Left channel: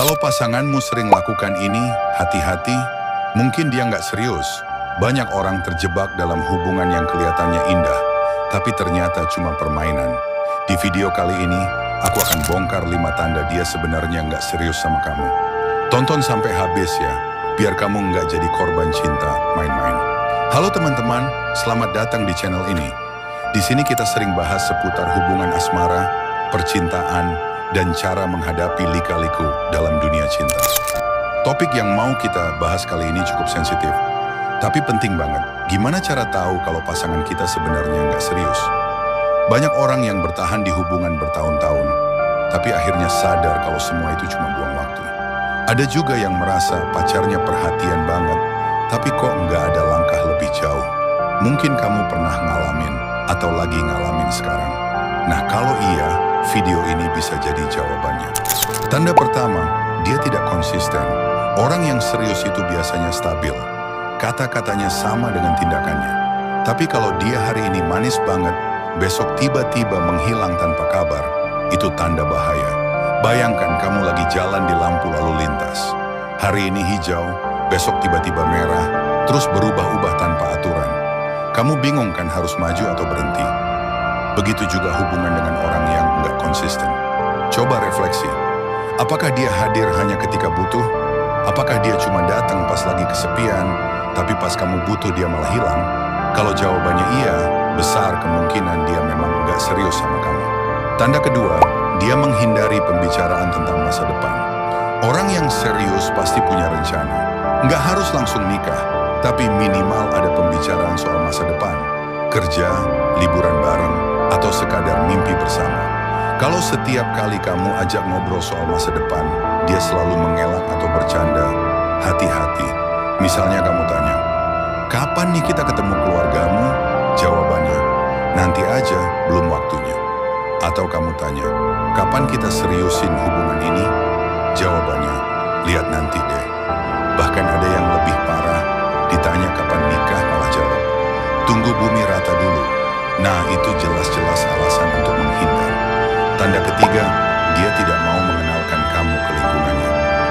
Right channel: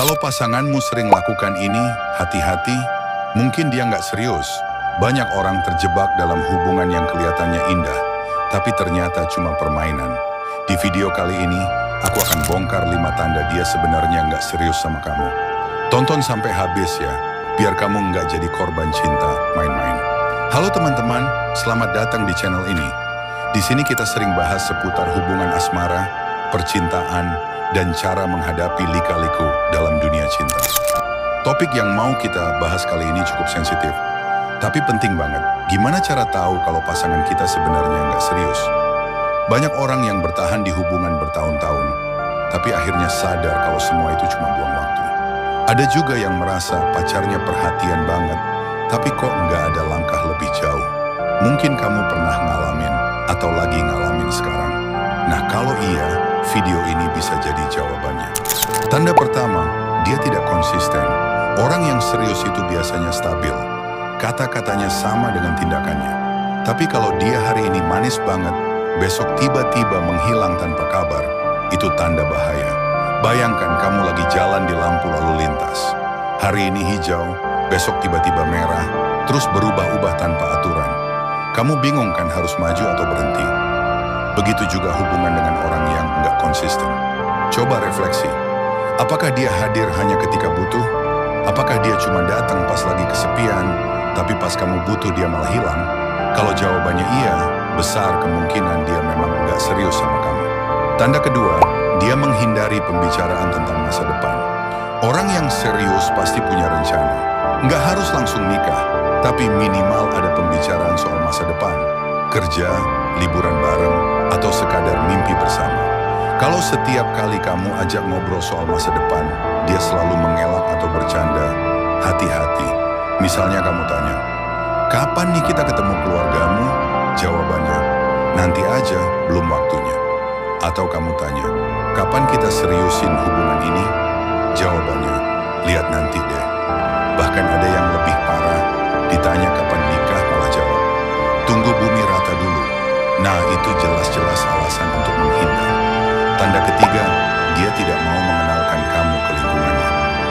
Kalau pasanganmu sering lakukan ini, hati-hati, mungkin dia nggak serius. Banyak orang terjebak dalam hubungan yang kelihatannya indah, tapi ternyata cuma permainan. Di video kali ini, aku akan bongkar 5 tanda dia sebenarnya nggak serius sama kamu. Tonton sampai habis ya, biar kamu nggak jadi korban cinta main-main. Halo teman-teman, selamat datang di channel ini. Di sini kita sering bahas seputar hubungan asmara, percintaan, dan cara menghadapi lika-liku dalam dunia cinta. Topik yang mau kita bahas kali ini cukup sensitif, tapi penting banget. Gimana cara tahu kalau pasangan kita sebenarnya nggak serius? Banyak orang yang bertahan di hubungan bertahun-tahun, tapi akhirnya sadar kalau semua itu cuma buang waktu. Ada juga yang merasa pacarnya perhatian banget, tapi kok nggak ada langkah lebih jauh. Mungkin kamu pernah ngalamin atau lagi ngalamin sekarang. Nah kalau iya, video ini bisa jadi jawabannya. Tanda pertama, dia tidak konsisten. Orang yang serius itu biasanya stabil. Kata-katanya sama dengan tindakannya. Tapi kalau dia hari ini manis banget, besok tiba-tiba menghilang tanpa kabar, itu tanda bahaya. Bayangkan kamu lagi jalan di lampu lalu lintas. Hari ini hijau, besok tiba-tiba merah, terus berubah-ubah tanpa aturan. Kamu bingung kan harus maju atau berhenti? Begitu juga hubungan dengan orang yang nggak konsisten. Coba refleksi. Apakah dia hadir hanya ketika butuh? Apakah dia cuma datang pas lagi kesepian, tapi pas kamu butuh dia malah hilang? Kalau jawabannya iya, besar kemungkinan dia memang nggak serius sama kamu. Tanda kedua, dia menghindari pembicaraan tentang masa depan. Orang yang serius pasti punya rencana. Nggak harus langsung nikah, tapi minimal ada pembicaraan soal masa depan. Kerja, liburan bareng, atau sekadar mimpi bersama. Kalau setiap kali kamu ajak ngobrol soal masa depan, dia selalu mengelak atau bercanda, hati-hati. Misalnya kamu tanya, kapan nih kita ketemu keluargamu? Jawabannya, nanti aja, belum waktunya. Atau kamu tanya, kapan kita seriusin hubungan ini? Jawabannya, lihat nanti deh. Bahkan ada yang lebih parah, ditanya kapan nikah malah jawab, tunggu bumi rata dulu. Nah, itu jelas-jelas alasan untuk menghindar. Tanda ketiga, dia tidak mau mengenalkan kamu ke lingkungannya.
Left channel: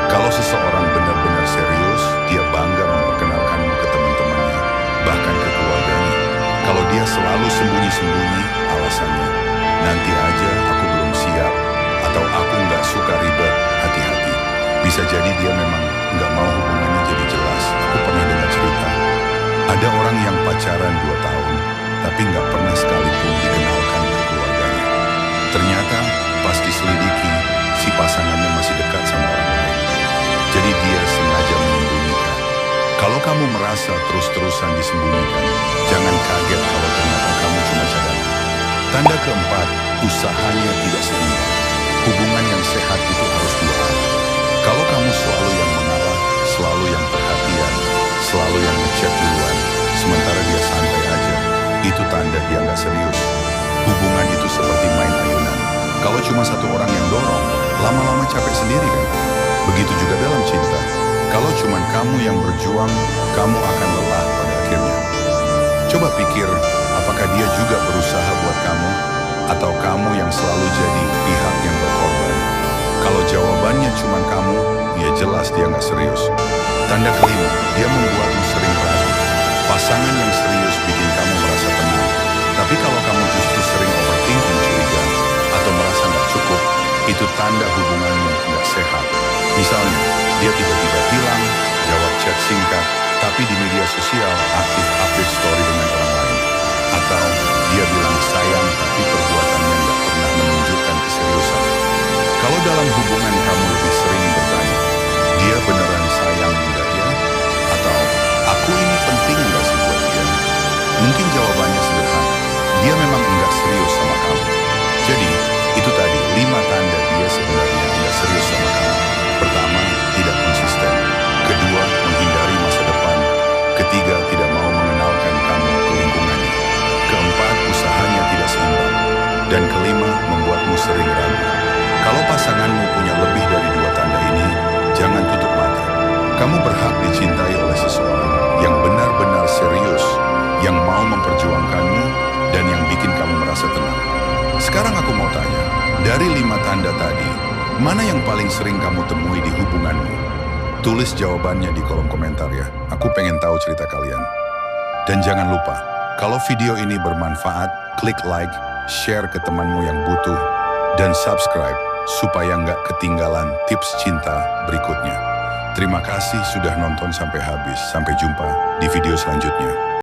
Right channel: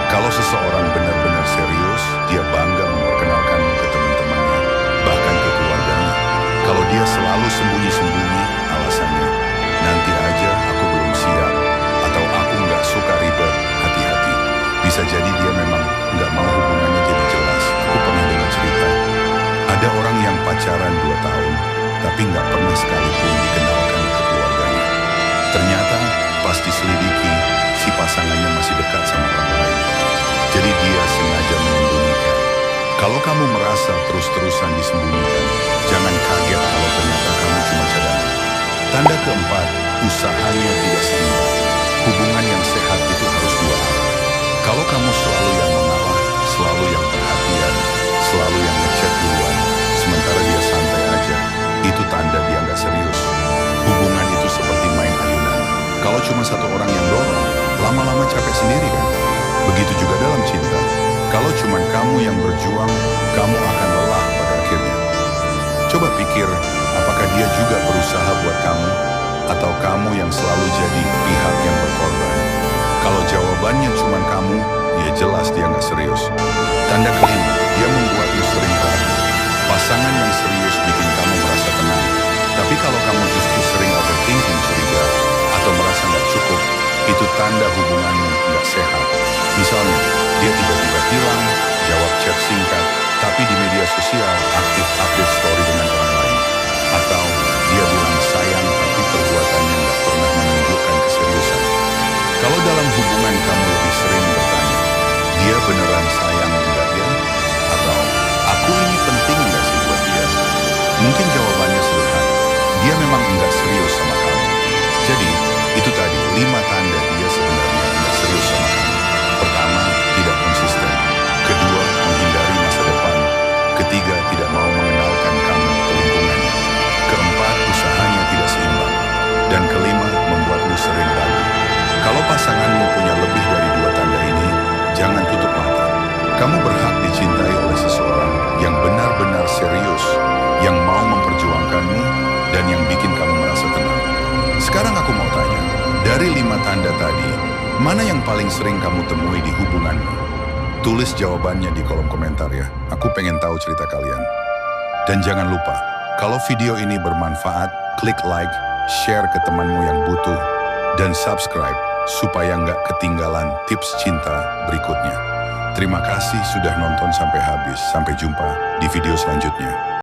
Kalau seseorang benar-benar serius, dia bangga memperkenalkanmu ke teman-temannya, bahkan ke keluarganya. Kalau dia selalu sembunyi-sembunyi, alasannya, nanti aja aku belum siap, atau aku nggak suka ribet, hati-hati. Bisa jadi dia memang nggak mau hubungannya jadi jelas. Aku pernah dengar cerita, ada orang yang pacaran 2 tahun, tapi nggak pernah sekalipun dikenalkan ke keluarganya. Ternyata pas diselidiki, si pasangannya masih dekat sama orang lain. Jadi dia sengaja menyembunyikan. Kalau kamu merasa terus-terusan disembunyikan, jangan kaget kalau ternyata kamu cuma cadangan. Tanda keempat, usahanya tidak seimbang. Hubungan yang sehat itu harus dua arah. Kalau kamu selalu yang mengalah, selalu yang perhatian, selalu yang ngechat duluan, sementara dia santai aja, itu tanda dia nggak serius. Hubungan itu seperti main ayunan. Kalau cuma satu orang yang dorong, lama-lama capek sendiri kan? Begitu juga dalam cinta. Kalau cuma kamu yang berjuang, kamu akan lelah pada akhirnya. Coba pikir, apakah dia juga berusaha buat kamu? Atau kamu yang selalu jadi pihak yang berkorban? Kalau jawabannya cuma kamu, ya jelas dia nggak serius. Tanda kelima, dia membuatmu sering ragu. Pasangan yang serius bikin kamu merasa tenang. Tapi kalau kamu justru sering overthinking, curiga, atau merasa nggak cukup, itu tanda hubunganmu nggak sehat. Misalnya, dia tiba-tiba hilang, jawab chat singkat, tapi di media sosial aktif update story dengan orang lain. Atau dia bilang sayang, tapi perbuatannya nggak pernah menunjukkan keseriusan. Kalau dalam hubungan kamu lebih sering bertanya, dia beneran sayang enggak ya? Atau, aku ini penting enggak sih buat dia? Mungkin jawabannya sederhana, dia memang enggak serius sama kamu. Jadi, itu tadi 5 tanda dia sebenarnya enggak serius sama kamu. Pertama, tidak konsisten. Kedua, menghindari masa depan. Ketiga, tidak mau mengenalkan kamu ke lingkungannya. Keempat, usahanya tidak seimbang. Dan kelima, membuatmu sering ragu. Kalau pasanganmu punya lebih dari 2 tanda ini, jangan tutup mata. Kamu berhak dicintai oleh seseorang yang benar-benar serius, yang mau memperjuangkanmu, dan yang bikin kamu merasa tenang. Sekarang aku mau tanya, dari 5 tanda tadi, Mana yang paling sering kamu temui di hubunganmu? Tulis jawabannya di kolom komentar ya. Aku pengen tahu cerita kalian. Dan jangan lupa, kalau video ini bermanfaat, klik like, share ke temanmu yang butuh, dan subscribe supaya nggak ketinggalan tips cinta berikutnya. Terima kasih sudah nonton sampai habis. Sampai jumpa di video selanjutnya.